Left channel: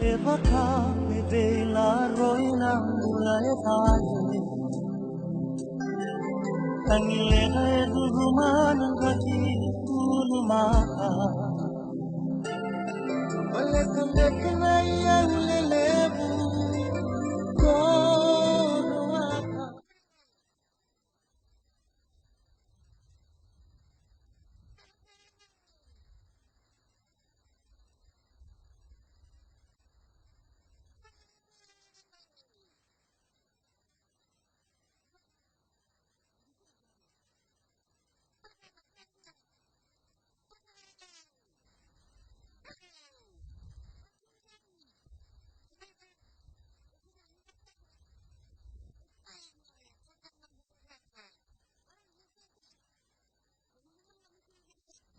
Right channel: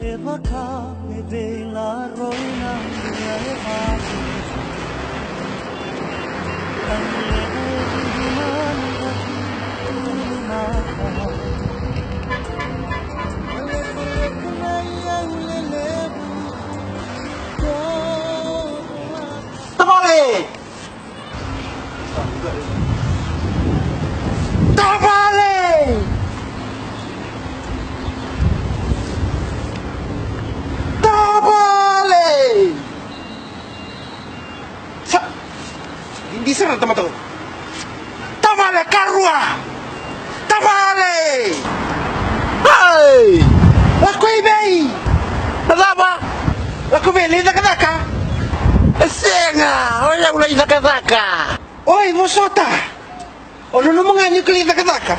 e waka e te la roina mura e whāke Tangi leka e turumana kati tulu maka Wale koleka na iau le lebu Koro waka Tamale! Tamale! Tamale! Hindi sarang tama to. Tamale karua! Tamale! Hey! Ako ibay! Nadama! Ako beli nakadaka! Senga! Wala ulay nakadaka! Oy, Mosota! Ano naman nga niyo kalit nakadaka?